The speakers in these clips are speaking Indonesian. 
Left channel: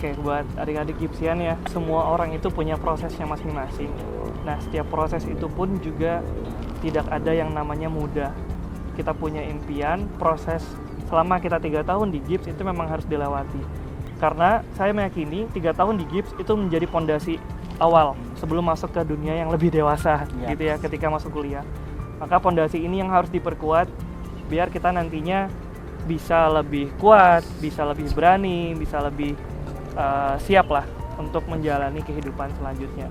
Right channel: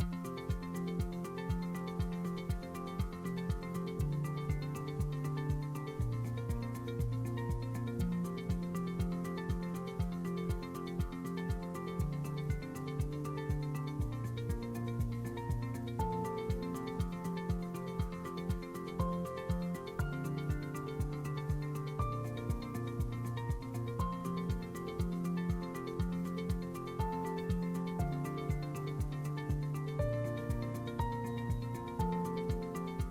Oke, buat adik-adik Gipsian ya, semua orang itu punya prosesnya masing-masing. Nah, setiap proses itu pun juga tidak ada yang namanya mudah. Kita punya impian, proses selama kita 3 tahun di Gips itu memang harus dilewati. Karena saya meyakini 3 tahun di Gips itu menjadi pondasi awal sebelum masuk ke dunia yang lebih dewasa gitu ya, ketika masuk kuliah. Maka pondasi ini yang harus diperkuat biar kita nantinya bisa lebih kuat, bisa lebih berani, bisa lebih siap lah untuk menjalani kehidupan selanjutnya.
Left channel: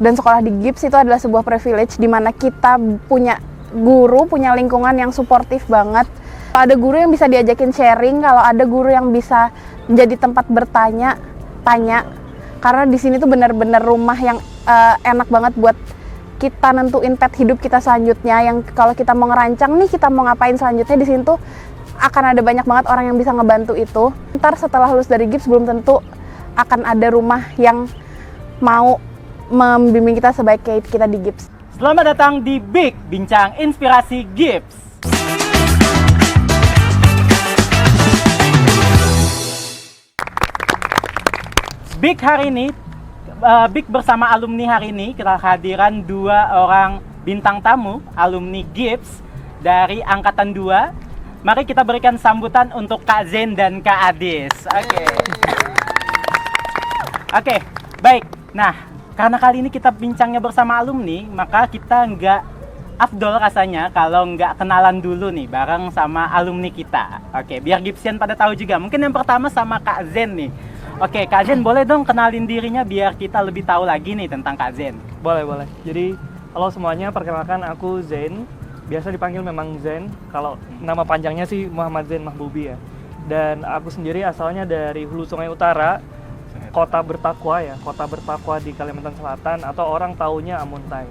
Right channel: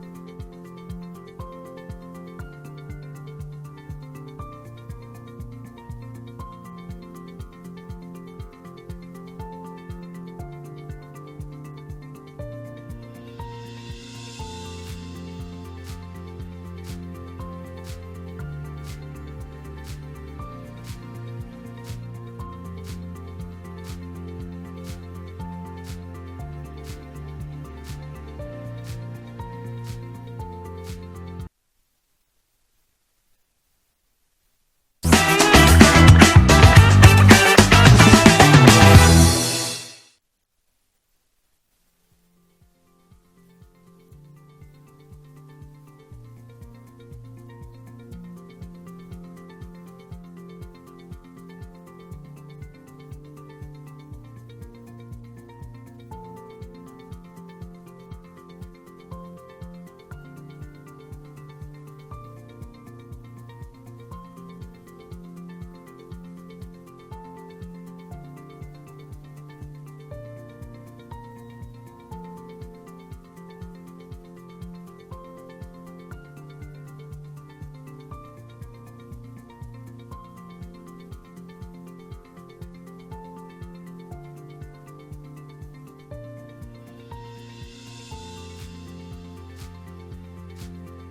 Dan sekolah di Gips itu adalah sebuah privilege di mana kita punya guru, punya lingkungan yang suportif banget. Kalau ada guru yang bisa diajakin sharing, kalau ada guru yang bisa menjadi tempat bertanya, tanya. Karena di sini tuh benar-benar rumah yang enak banget buat kita nentuin path hidup kita selanjutnya. Yang kalau kita mau ngerancang nih, kita mau ngapain selanjutnya, di sini tuh akan ada banyak banget orang yang bisa ngebantu itu. Ntar setelah lulus dari Gips belum tentu akan ada rumah yang mau membimbing kita sebaik kayak kita di Gips. Selamat datang di Big Bincang Inspirasi Gips. Big hari ini, Big bersama alumni hari ini, kita kehadiran 2 orang bintang tamu alumni Gips dari Angkatan 2. Mari kita berikan sambutan untuk Kak Zen dan Kak Adis. Oke, baik. Nah, karena kali ini kita bincangnya bersama alumni, maka kita nggak afdol rasanya kalau nggak kenalan dulu nih bareng sama alumni kita. Oke, biar Gipsian pada tahu juga. Mungkin yang pertama sama Kak Zen nih. Oke, Kak Zen boleh dong kenalin dirinya biar kita lebih tahu lagi nih tentang Kak Zen. Boleh. Jadi, halo semuanya, perkenalkan aku Zen. Biasa dipanggil memang Zen. Kalau nama panjangnya sih Muhammad Zen Mahbubi ya. Dan aku sendiri asalnya dari Hulu Sungai Utara, Kota Bertakwa ya, Kota Bertakwa di Kalimantan Selatan, atau orang taunya Amuntai.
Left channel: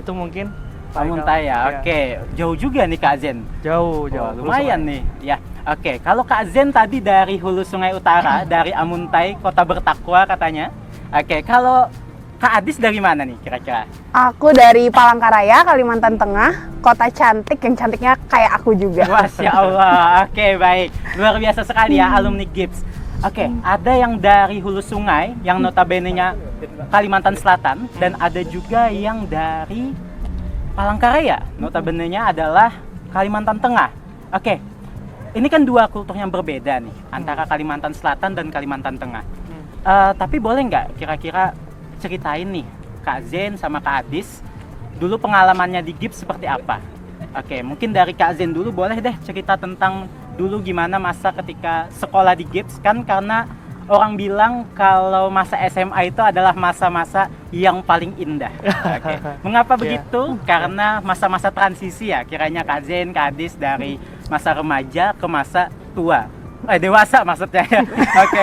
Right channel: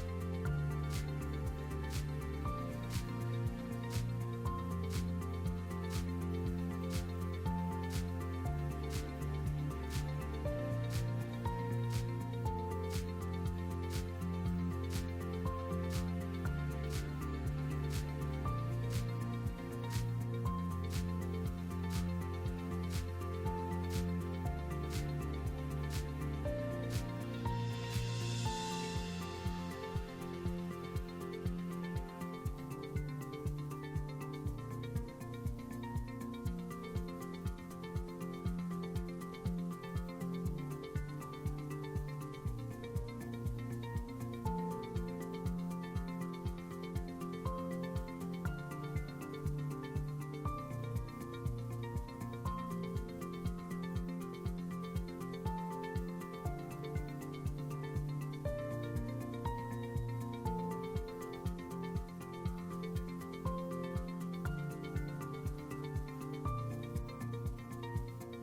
Itu mungkin Amuntai ya. Oke, jauh juga nih Kak Zen. Jauh. Lumayan nih. Ya. Oke, kalau Kak Zen tadi dari Hulu Sungai Utara, dari Amuntai, Kota Bertakwa katanya. Oke, kalau Kak Adis dari mana nih kira-kira? Aku dari Palangkaraya, Kalimantan Tengah, kota cantik yang cantiknya kayak aku juga. Masya Allah. Oke, baik. Luar biasa sekali ya alumni Gips. Oke, ada yang dari Hulu Sungai yang notabene-nya Kalimantan Selatan, dan ada juga yang dari Palangkaraya, notabene-nya adalah Kalimantan Tengah. Oke, ini kan 2 kultur yang berbeda nih antara Kalimantan Selatan dan Kalimantan Tengah. Tapi boleh nggak kira-kira ceritain nih Kak Zen sama Kak Adis dulu pengalamannya di Gips seperti apa? Oke, mungkin dari Kak Zen dulu boleh deh cerita tentang dulu gimana masa ketika sekolah di Gips, kan karena orang bilang kalau masa SMA itu adalah masa-masa yang paling indah. Oke. Mengapa begitu? Karena masa-masa transisi ya, kiranya Kak Zen, Kak Adis dari masa remaja ke masa tua. Dewasa maksudnya ya. Oke.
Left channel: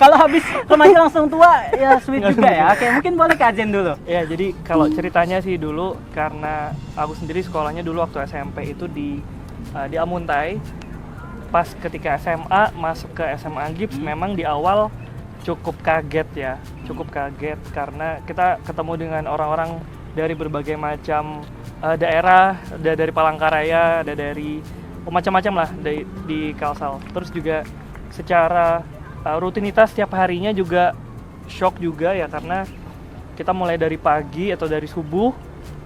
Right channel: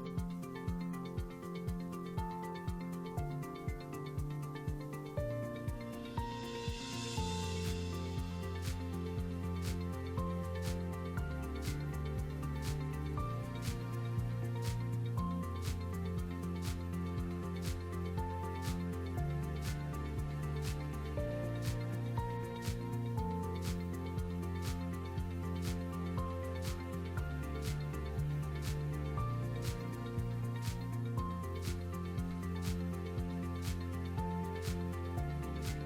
Kalau habis remaja langsung tua ya sweet juga ya. Oke, mungkin boleh Kak Zen dulu. Ya, jadi kalau ceritanya sih dulu, karena aku sendiri sekolahnya dulu waktu SMP itu di Amuntai. Pas ketika SMA masuk ke SMA Gips, memang di awal cukup kaget karena kita ketemu dengan orang-orang dari berbagai macam daerah, ada dari Palangkaraya, ada dari macam-macam lah di Kalsel. Terus juga secara rutinitas setiap harinya juga shock juga ya, karena kita mulai dari pagi atau dari subuh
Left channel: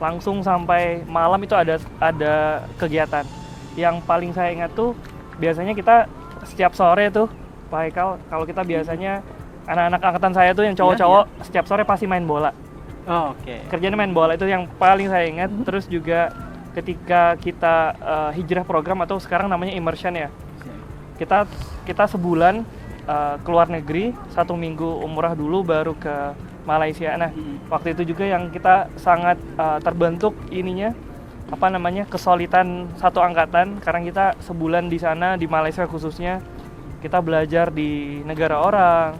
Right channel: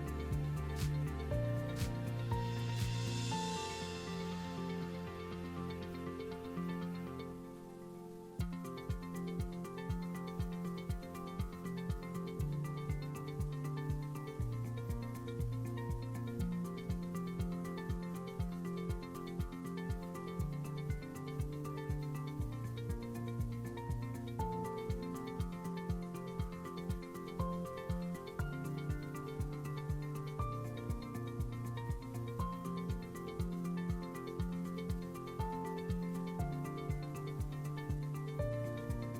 langsung sampai malam itu ada kegiatan. Yang paling saya ingat tuh biasanya kita setiap sore tuh Pak Haikal, kalau kita biasanya anak-anak angkatan saya tuh yang cowok-cowok setiap sore pasti main bola. Oke. Kerjanya main bola, itu yang paling saya ingat. Terus juga ketika kita hijrah program atau sekarang namanya immersion ya, kita sebulan ke luar negeri, 1 minggu umrah dulu baru ke Malaysia. Nah, waktu itu juga yang kita sangat terbentuk kesulitan satu angkatan, karena kita sebulan di sana di Malaysia khususnya kita belajar di negara orang,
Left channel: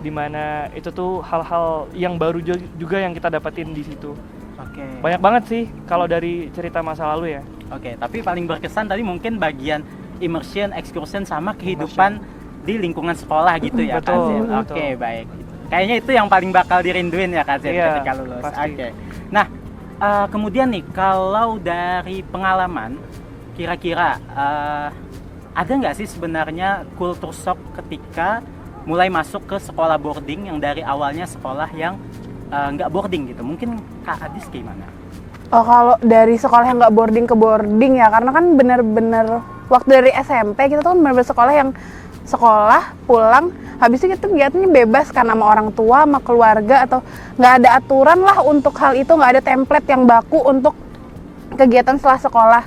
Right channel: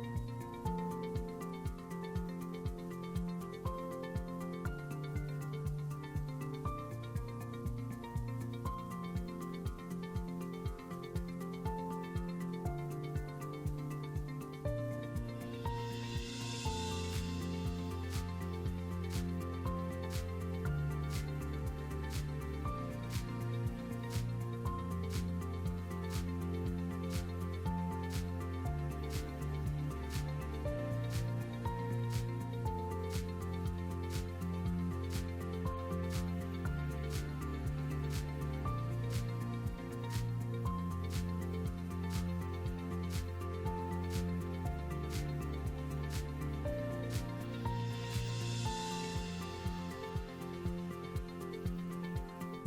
dimana itu tuh hal-hal yang baru juga yang kita dapetin di situ. Oke. Banyak banget sih kalau dari cerita masa lalu ya. Oke, tapi paling berkesan tadi mungkin bagian immersion, excursion sama kehidupan di lingkungan sekolah gitu ya Kak Zen. Oke, baik. Kayaknya itu yang paling bakal dirinduin ya Kak Zen ketika lulus. Oke. Nah, kemudian nih, kalau dari pengalaman, kira-kira ada nggak sih sebenarnya culture shock ketika mulai masuk ke sekolah boarding yang dari awalnya sekolah yang nggak boarding gitu. Mungkin Kak Adis gimana? Oh, kalau dari sekolah yang nggak boarding ke boarding ya, karena kan bener-bener waktu dari SMP kita tuh kan bener-bener sekolah yang sekolah, pulang, habis itu kita kegiatannya bebas kan sama orang tua, sama keluarga, atau nggak ada aturan lah untuk hal itu, nggak ada template yang baku untuk kegiatan setelah sekolah.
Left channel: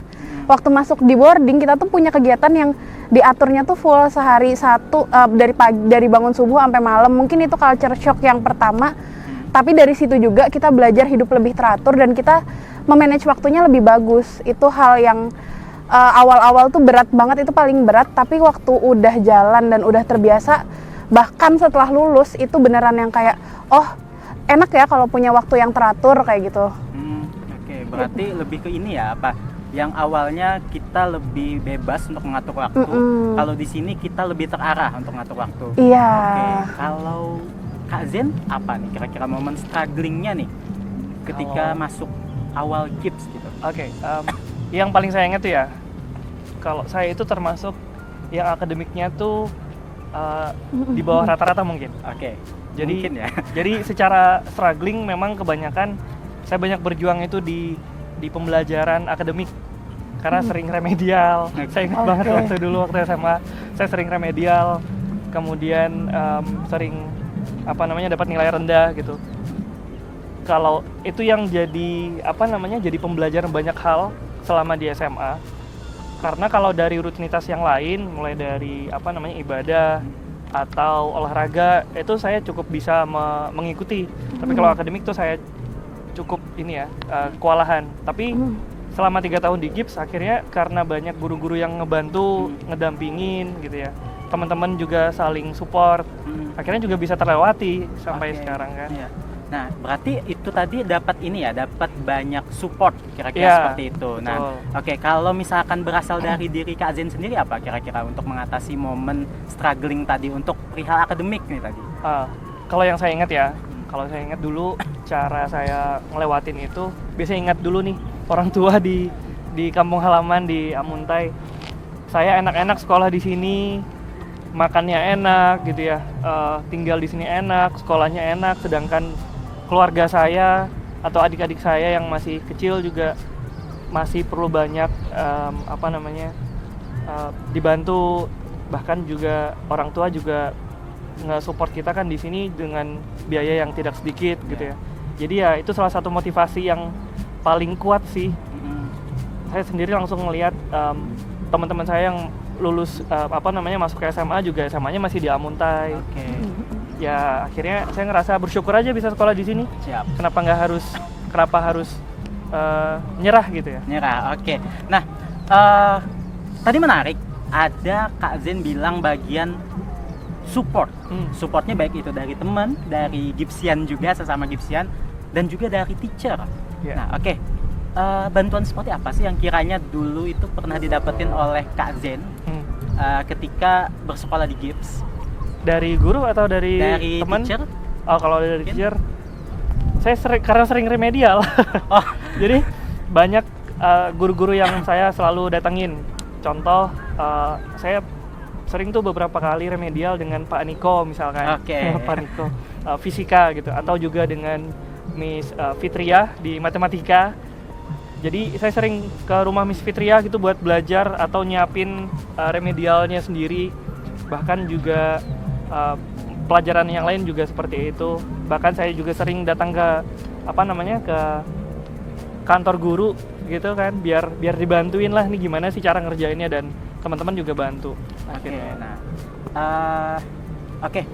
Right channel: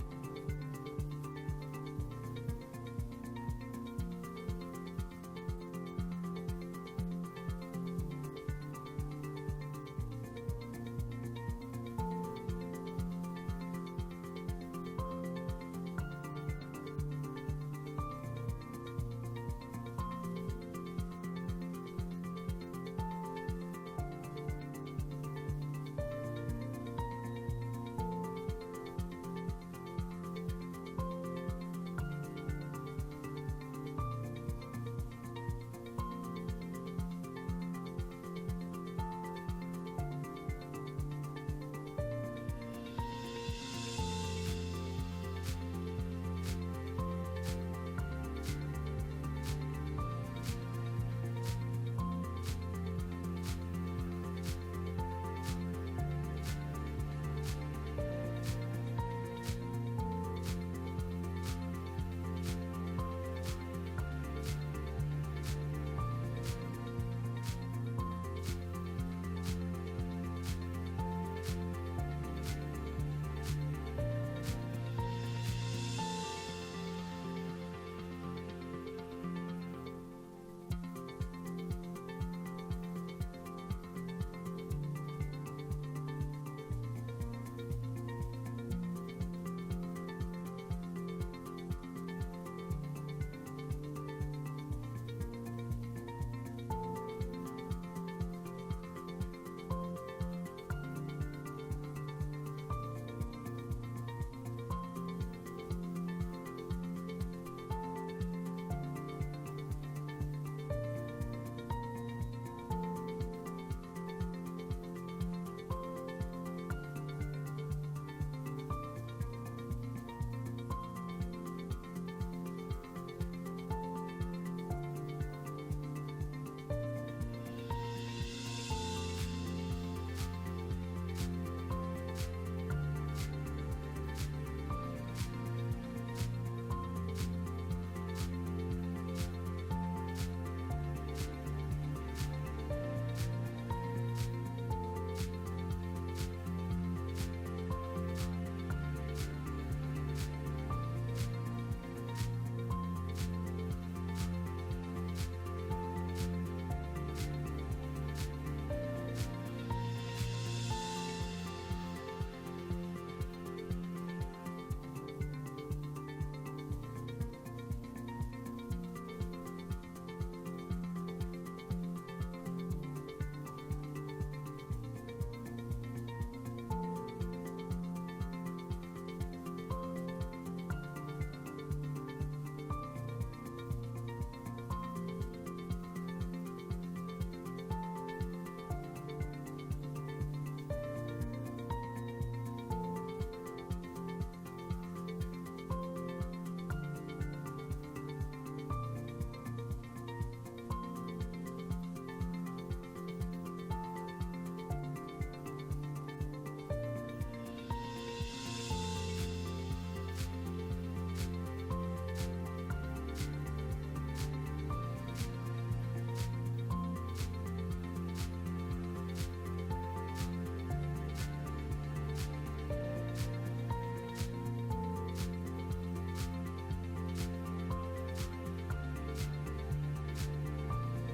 Waktu masuk di boarding kita tuh punya kegiatan yang diaturnya tuh full sehari satu, dari bangun subuh sampai malam. Mungkin itu culture shock yang pertama, tapi dari situ juga kita belajar hidup lebih teratur dan kita memanage waktunya lebih bagus. Itu hal yang awal-awal tuh berat banget, itu paling berat, tapi waktu udah jalan dan udah terbiasa, bahkan setelah lulus itu beneran yang kayak, oh enak ya kalau punya waktu yang teratur kayak gitu. Oke, berarti lebih ke ini ya, apa? Yang awalnya kita lebih bebas untuk mengatur waktu, kalau di sini kita lebih terarah untuk mengatur waktu. Iya. Oke, kalau Kak Zen apa nih kira-kira momen strugglingnya nih ketika masuk awal GIPS gitu? Oke, yang paling saya ingat tuh ya, kalau saya itu termasuk yang akademiknya tuh di bawah rata-rata mungkin. Oke, Jadi mungkin ya. Jadi secara struggling memang kebanyakan saya banyak berjuang itu di pembelajaran akademik karena sering remedial. Saya ingat banget waktu SMA saya sering remedial, kemudian sering dapat nilai rendah gitu. Kalau itu yang jadi jadi pembelajaran banyak hal selama di SMA. Karena kalau dari rutinitas yang lain, mulai dari ibadah atau olahraga, itu saya cukup bisa mengikuti. Tapi kalau akademik tuh saya cukup kewalahan. Tapi selama 3 tahun di GIPS, akhirnya karena banyak guru-guru yang ngebantu, ngedampingin gitu ya. Teman-teman juga saling support. Akhirnya juga bisa terlewati sampai sekarang kan. Iya. Nah, berarti itu tadi dapat banyak support kira-kira seperti itu. Nah, oke, kalau misalkan berasal dari diri Kak Zen sendiri apa kira-kira untuk mengatasi momen struggling tadi untuk perihal akademik nih tadi? Kalau yang saya ingat ya, dulu cara saya ngelewatin itu, biasanya ingat dulu nih orang tua di kampung halaman di Amuntai. Saya enak-enak sekolah di sini, makannya enak gitu ya, tinggal di sini enak, sekolahnya enak, sedangkan keluarga saya atau adik-adik saya yang masih kecil juga masih perlu banyak dibantu, bahkan juga orang tua juga nge-support kita kan di sini dengan biaya yang tidak sedikit gitu ya. Jadi ya itu salah satu motivasi yang paling kuat sih. Saya sendiri langsung melihat teman-teman saya yang lulus masuk ke SMA juga SMA-nya masih di Amuntai. Ya akhirnya saya ngerasa bersyukur aja bisa sekolah di sini. Siap. Kenapa harus nyerah gitu ya? Nyerah, oke. Nah, tadi menarik, ada Kak Zen bilang bagian support. Supportnya baik itu dari teman, dari Gipsian juga, sesama Gipsian, dan juga dari teacher. Yeah. Nah, oke. Bantuan seperti apa sih yang kiranya dulu itu pernah didapetin oleh Kak Zen ketika bersekolah di Gips? Dari guru atau dari teman? Teacher? Oh, kalau dari teacher, saya karena sering remedial. Jadi banyak guru-guru yang saya selalu datangin. Contoh, saya sering tuh beberapa kali remedial dengan Pak Niko misalkan. Pak Niko fisika gitu, atau juga dengan Miss Fitria di matematika. Jadi saya sering ke rumah Miss Fitria gitu buat belajar atau nyiapin remedialnya sendiri. Bahkan juga pelajaran yang lain juga seperti itu. Bahkan saya juga sering datang ke ke kantor guru gitu kan, biar dibantuin lah nih gimana sih cara ngerjainnya, dan teman-teman juga bantu. Oke.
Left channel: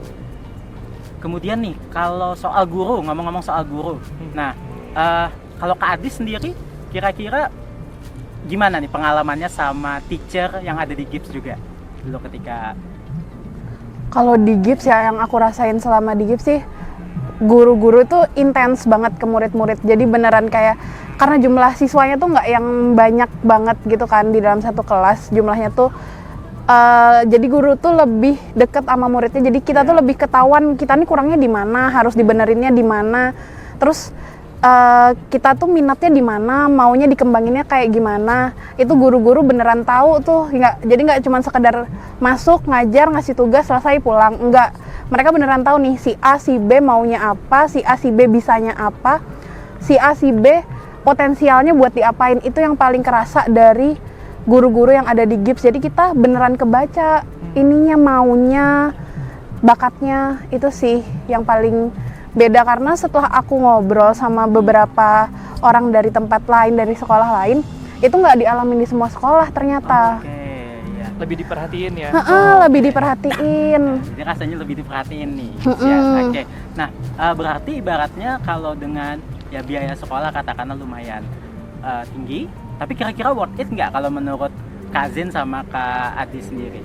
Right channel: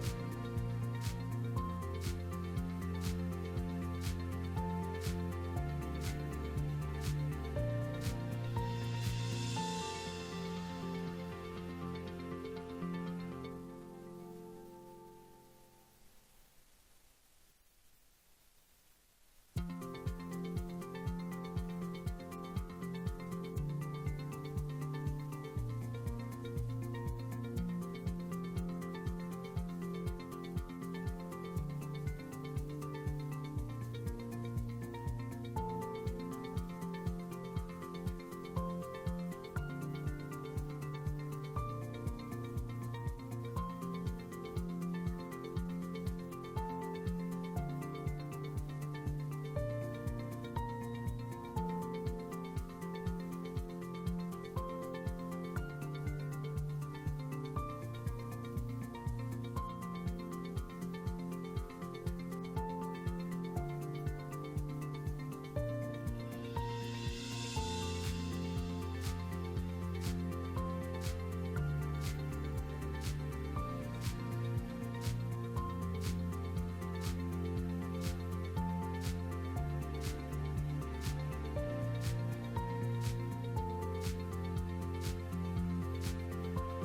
Kemudian nih kalau soal guru, ngomong-ngomong soal guru. Nah, kalau Kak Adis sendiri kira-kira gimana nih pengalamannya sama teacher yang ada di GIPS juga dulu ketika? Kalau di GIPS ya, yang aku rasain selama di GIPS sih, guru-guru tuh intens banget ke murid-murid. Jadi beneran kayak, karena jumlah siswanya tuh nggak yang banyak banget gitu kan di dalam satu kelas, jumlahnya tuh jadi guru tuh lebih deket sama muridnya. Jadi kita tuh lebih ketahuan kita nih kurangnya di mana, harus dibenerinnya di mana. Terus kita tuh minatnya di mana, maunya dikembanginnya kayak gimana. Itu guru-guru beneran tahu tuh. Jadi nggak cuma sekedar masuk, ngajar, ngasih tugas, selesai pulang. Enggak, mereka beneran tahu nih si A, si B maunya apa, si A, si B bisanya apa, si A, si B potensialnya buat diapain. Itu yang paling kerasa dari guru-guru yang ada di GIPS. Jadi kita beneran kebaca ininya, maunya, bakatnya. Itu sih yang paling beda, karena setelah aku ngobrol sama beberapa orang dari tempat lain, dari sekolah lain, itu nggak dialamin di semua sekolah ternyata. Oke, ya. Lebih diperhatiin ya. Lebih diperhatiin. Jadi rasanya lebih diperhatiin nih. Mm-mm. Ya, oke. Nah, berarti ibaratnya kalau dengan ya biaya sekolah katakanlah lumayan tinggi, tapi kira-kira worth it nggak kalau menurut Kak Zen sama Kak Adi sendiri?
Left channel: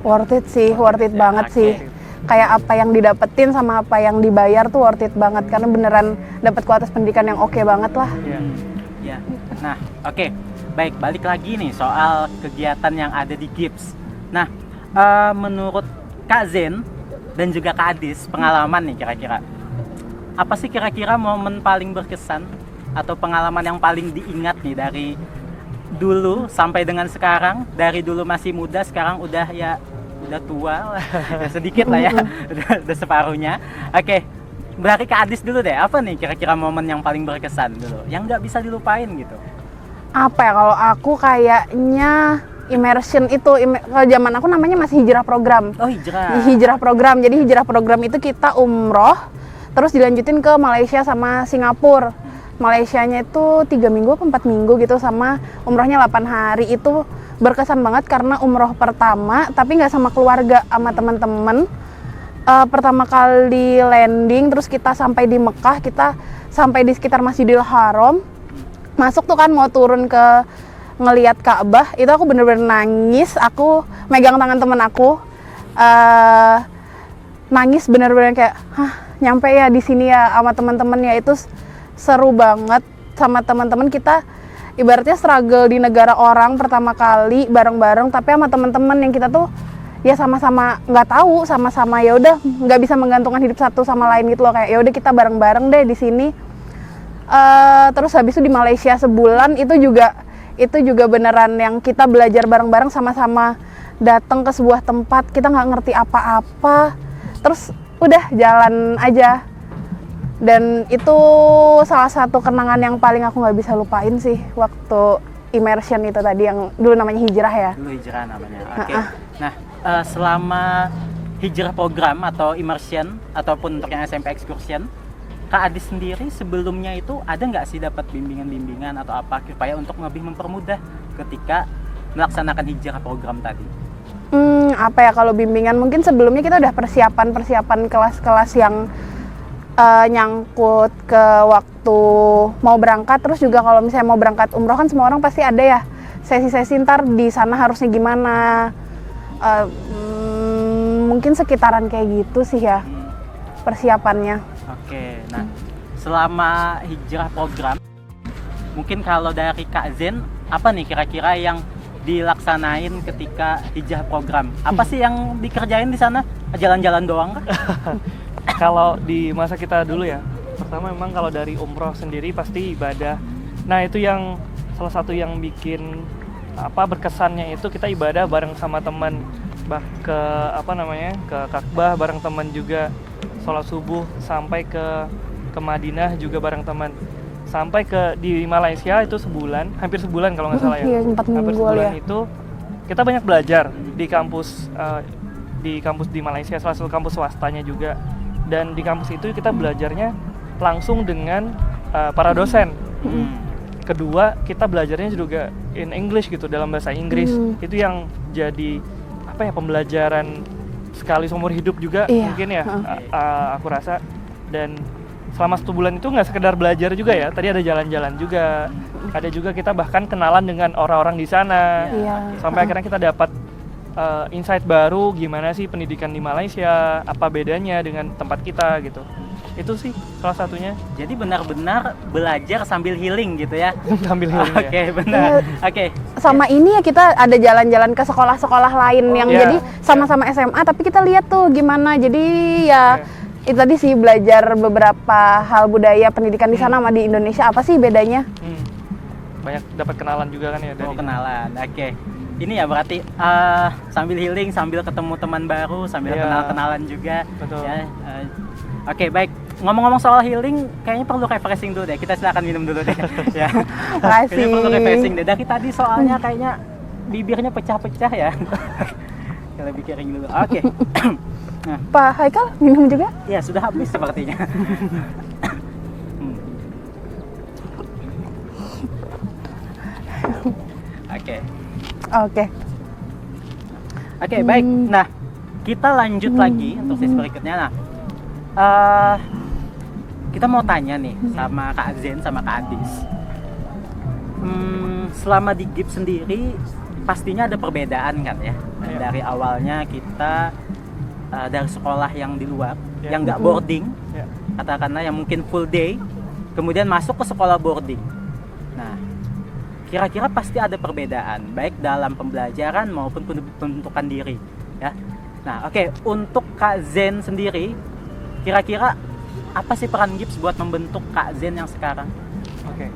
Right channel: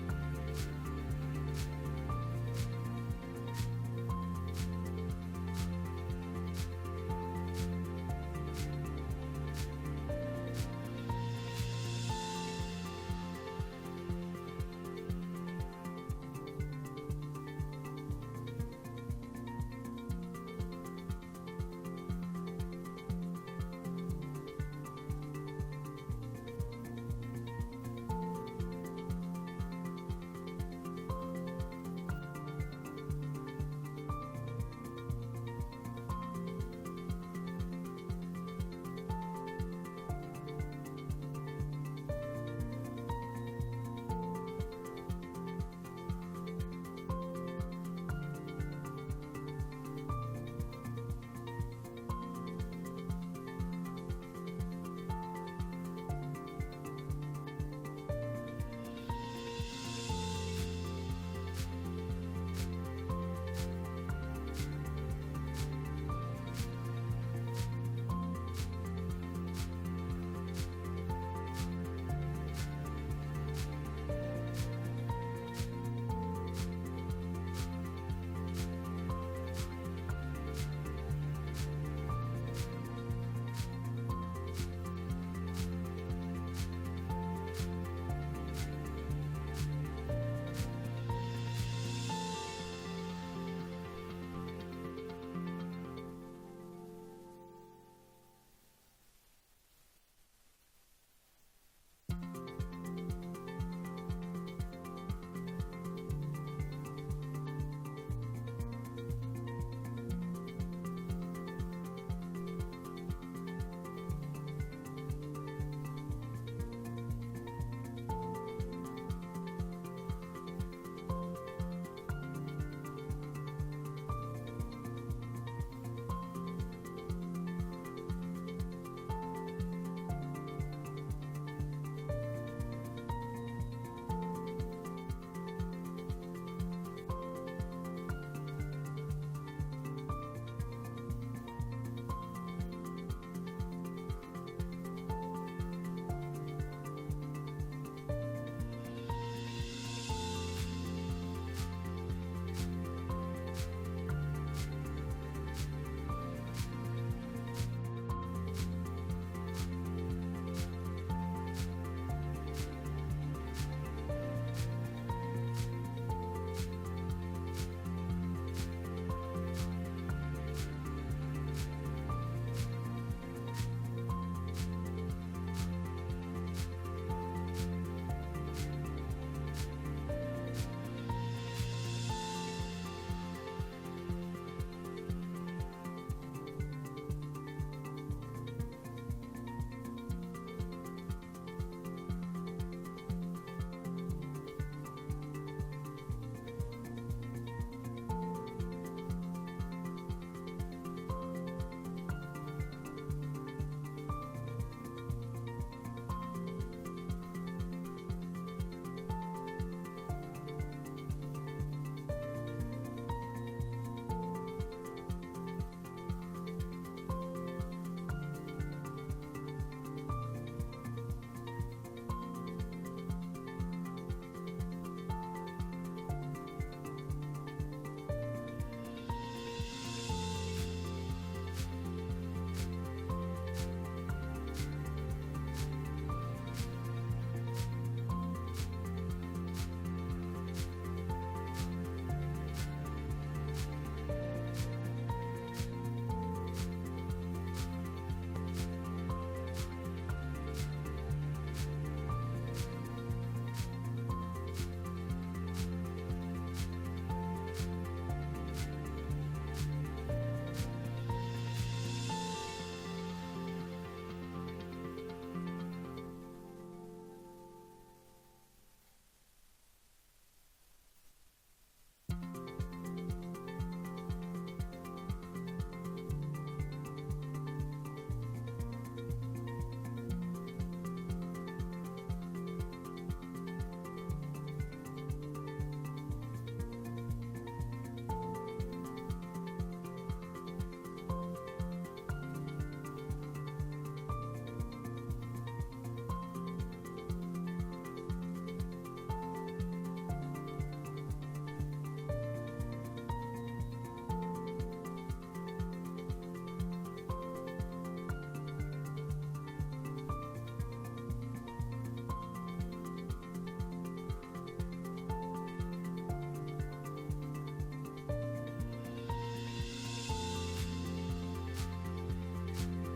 Worth it sih, worth it banget Oke. sih. Kayak apa yang didapetin sama apa yang dibayar tuh worth it banget, karena beneran dapat kualitas pendidikan yang oke banget lah. Iya. Ya. Nah, oke. Baik, balik lagi nih soal kegiatan yang ada di GIPS. Nah, menurut Kak Zen dan juga Kak Adis, pengalaman nih kira-kira. Apa sih kira-kira momen paling berkesan atau pengalaman yang paling diingat nih dari dulu sampai dengan sekarang? Dari dulu masih muda, sekarang udah tua lah. Sedikit lah ya, udah separuhnya. Oke, dari Kak Adis dulu deh, apa nih kira-kira momen yang paling berkesan dulu, yang nggak bisa dilupain gitu? Apa ya, kalau aku kayaknya immersion itu, kalau zaman aku namanya masih hijrah program. Oh, hijrah. Hijrah program, jadi hijrah program itu kita umroh, terus dilanjutin ke Malaysia sama Singapura. Malaysianya itu 3 minggu atau 4 minggu gitu, sama umrohnya 8 hari. Itu berkesan banget karena umroh pertama, tapi nggak sama keluarga, sama teman-teman. Pertama kali landing, terus kita sampai di Mekah, kita sampai di sekitar Masjidil Haram. Masuk tuh kan mau turun ke ngelihat Ka'bah, itu aku bener-bener nangis. Aku megang tangan temen aku, nangis bener-bener kayak, nyampe ya di sini ya sama teman-teman ya. Itu seru banget sama teman-teman. Kita ibaratnya struggle di negara orang pertama kali bareng-bareng, tapi sama teman-teman yang kita tuh ya sama-sama nggak tahu, sama-sama ya udah nggak bisa menggantungkan hidup satu sama lain gitu loh, kayak ya udah kita bareng-bareng deh di sini. Terus habis itu di Malaysia sebulan, itu juga beneran yang kita belajar bareng-bareng, sama-sama datang ke sebuah tempat, kita nggak ngerti apa-apa, terus udah jalan aja. Dan itu salah satu kenangan yang paling aku nggak bisa lupain sih, waktu immersion itu tadi, yang dulu namanya hijrah ya. Dulu hijrah namanya. Oke. Nah, selama hijrah program atau immersion ataupun untuk yang SMP excursion, Kak Adis sendiri sebelumnya itu ada nggak sih dapat bimbingan-bimbingan atau apa supaya untuk lebih mempermudah ketika melaksanakan hijrah program tadi? Apa ya, kalau bimbingan mungkin sebelumnya kita udah persiapan kelas-kelas yang nyangkut ke waktu mau berangkat. Terus juga kalau misalnya mau berangkat umroh kan semua orang pasti ada ya sesi-sesi ntar di sana harusnya gimana. Mungkin sekitaran kayak gitu sih ya persiapannya. Oke, nah selama hijrah program, mungkin kalau dari Kak Zen, apa nih kira-kira yang dilaksanain ketika hijrah program? Apa sih yang dikerjain di sana? Jalan-jalan doang kah? Kalau di masa kita dulu ya, pertama memang kalau dari umroh sendiri pasti ibadah. Nah itu yang salah satu yang bikin berkesannya, itu kita ibadah bareng sama teman, ke Ka'bah bareng teman juga, sholat subuh, sampai ke Madinah juga bareng teman, sampai di Malaysia itu sebulan, hampir sebulan kalau nggak salah ya. Iya, 4 Hampir minggu sebulan ya. itu kita banyak belajar di kampus di Malaysia, salah satu kampus swastanya juga. Dan di kampus itu kita belajarnya langsung dengan para dosen. Kedua, kita belajarnya juga in English gitu, dalam bahasa Inggris. Itu yang jadi pembelajaran sekali seumur hidup juga. Iya. Mungkin ya, aku rasa. Dan selama 1 bulan itu nggak sekedar belajar juga ya, tadi ada jalan-jalan juga, ada juga kita bahkan kenalan dengan orang-orang di sana. Iya. Sampai akhirnya kita dapat insight baru, gimana sih pendidikan di Malaysia, apa bedanya dengan tempat kita gitu. Itu sih salah satunya. Jadi benar-benar belajar sambil healing gitu ya. Sambil healing ya. Oke, benar. Oke. Sama ini ya, kita ada jalan-jalan ke sekolah-sekolah lain yang iya. jadi sama-sama SMA, tapi kita lihat tuh gimana. Jadi ya itu tadi sih, belajar beberapa hal budaya pendidikan di sana sama di Indonesia, apa sih bedanya. Banyak dapat kenalan juga kan ya dari. Kenalan. Oke. ini ya berarti sambil healing, sambil ketemu teman baru, sambil Iya. kenal-kenalan juga. Betul. Ya, oke, baik. Ngomong-ngomong soal healing, kayaknya perlu refreshing dulu deh. Kita silakan minum dulu deh. Ya. Makasih. Kayaknya perlu refreshing deh. Dari tadi soalnya kayaknya bibirnya pecah-pecah ya. Kita lebih kering dulu. Oke. Pak Haikal minum juga? Ya, sudah habis sepertinya. Oke. Oke. Oke, baik. Nah, kita lanjut lagi untuk sesi berikutnya. Nah, kita mau tanya nih sama Kak Zen sama Kak Adis. Selama di GIPS sendiri pastinya ada perbedaan kan ya. Iya. Dari awalnya kita dari sekolah yang di luar, Iya. yang nggak boarding, Ya. katakanlah yang mungkin full day, kemudian masuk ke sekolah boarding. Nah, kira-kira pasti ada perbedaan baik dalam pembelajaran maupun pembentukan diri ya. Nah, oke, untuk Kak Zen sendiri kira-kira apa sih peran GIPS buat membentuk Kak Zen yang sekarang? Oke,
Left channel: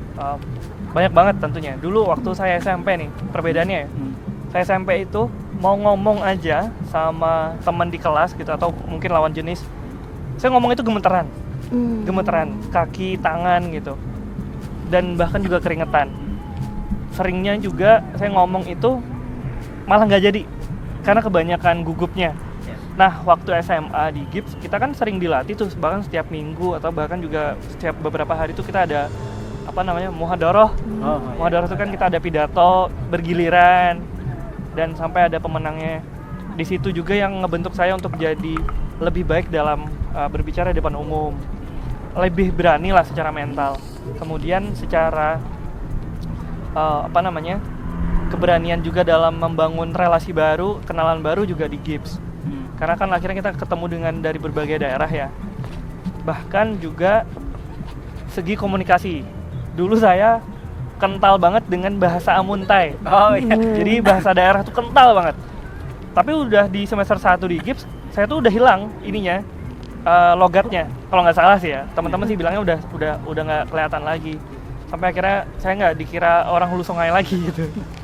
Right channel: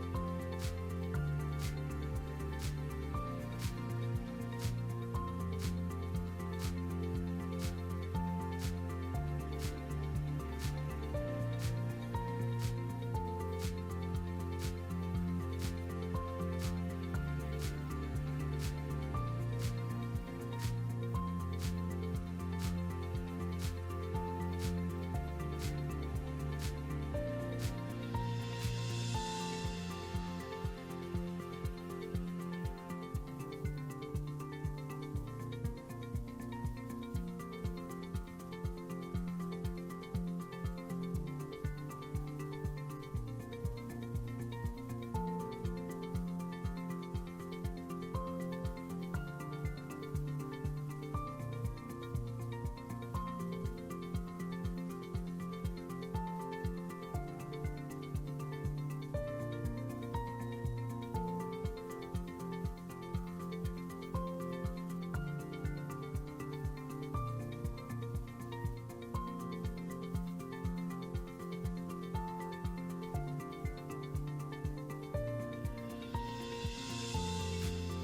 banyak banget tentunya. Dulu waktu saya SMP nih, perbedaannya ya. Saya SMP itu mau ngomong aja sama teman di kelas gitu atau mungkin lawan jenis, saya ngomong itu gemeteran, gemeteran kaki, tangan gitu, dan bahkan juga keringetan. Seringnya juga saya ngomong itu malah nggak jadi karena kebanyakan gugupnya. Nah, waktu SMA di GIPS kita kan sering dilatih tuh, bahkan setiap minggu atau bahkan juga setiap beberapa hari itu kita ada apa namanya muhadharah. Muhadharah itu kan kita ada pidato bergiliran dan sampai ada pemenangnya. Di situ juga yang ngebentuk saya untuk jadi lebih baik dalam berbicara di depan umum, lebih berani lah secara mental. Kemudian secara keberanian juga dalam membangun relasi baru, kenalan baru juga di GIPS. Karena kan akhirnya kita ketemu dengan dari berbagai daerah ya. Bahkan juga segi komunikasi. Dulu saya kental banget dengan bahasa Amuntai. Oh iya. Jadi bahasa daerah tuh kental banget. Tapi udah di semester 1 di GIPS, saya tuh udah hilang ininya, logatnya. Kalau nggak salah sih ya. Teman-teman sih bilangnya udah nggak kelihatan lagi. Sampai akhirnya saya nggak dikira orang Hulu Sungai lagi gitu.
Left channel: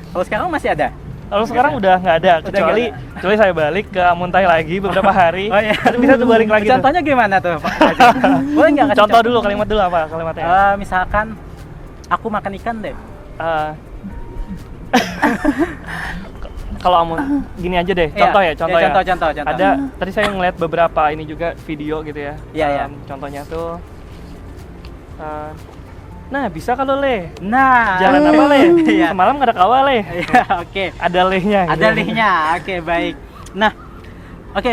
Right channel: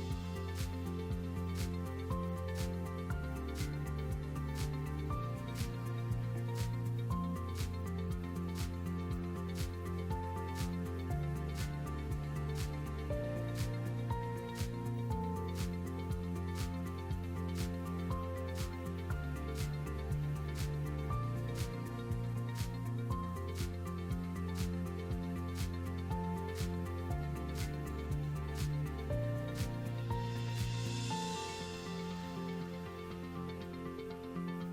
Kalau sekarang masih ada? Lalu sekarang udah nggak ada, kecuali saya balik ke Amuntai lagi beberapa hari. Oh iya. Bisa tuh balik lagi. Contohnya gimana tuh, Pak? Boleh nggak kasih Contoh dulu, kalimat dulu apa kalimatnya? Misalkan aku makan ikan deh. Kalau gini aja deh, contoh ya, contoh ya. Contoh. Ada tadi saya ngeliat beberapa ini juga video gitu ya. Iya. Contohnya tuh, nah bisa kalau leh, Nah, jalan apa leh? Iya. Semalam nggak ada kawah leh. Iya, oke. Ada lehnya. Ada gitu. lihnya. Oke, baik. Nah, oke,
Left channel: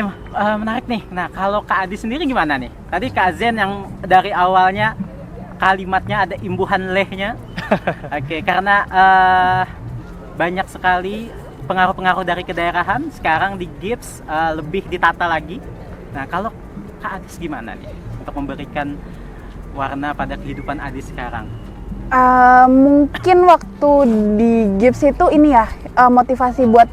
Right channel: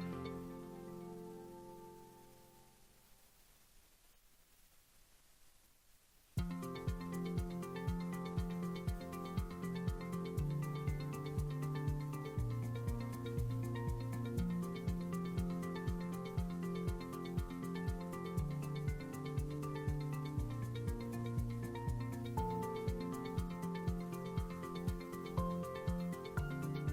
menarik nih. Nah, kalau Kak Adi sendiri gimana nih? Tadi Kak Zen yang dari awalnya kalimatnya ada imbuhan lehnya. Oke, karena banyak sekali pengaruh-pengaruh dari kedaerahan. Sekarang di GIPS lebih ditata lagi. Nah, kalau Kak Adis gimana nih untuk memberikan warna pada kehidupan Adis sekarang? Mungkin waktu di GIPS itu ini ya, motivasi buat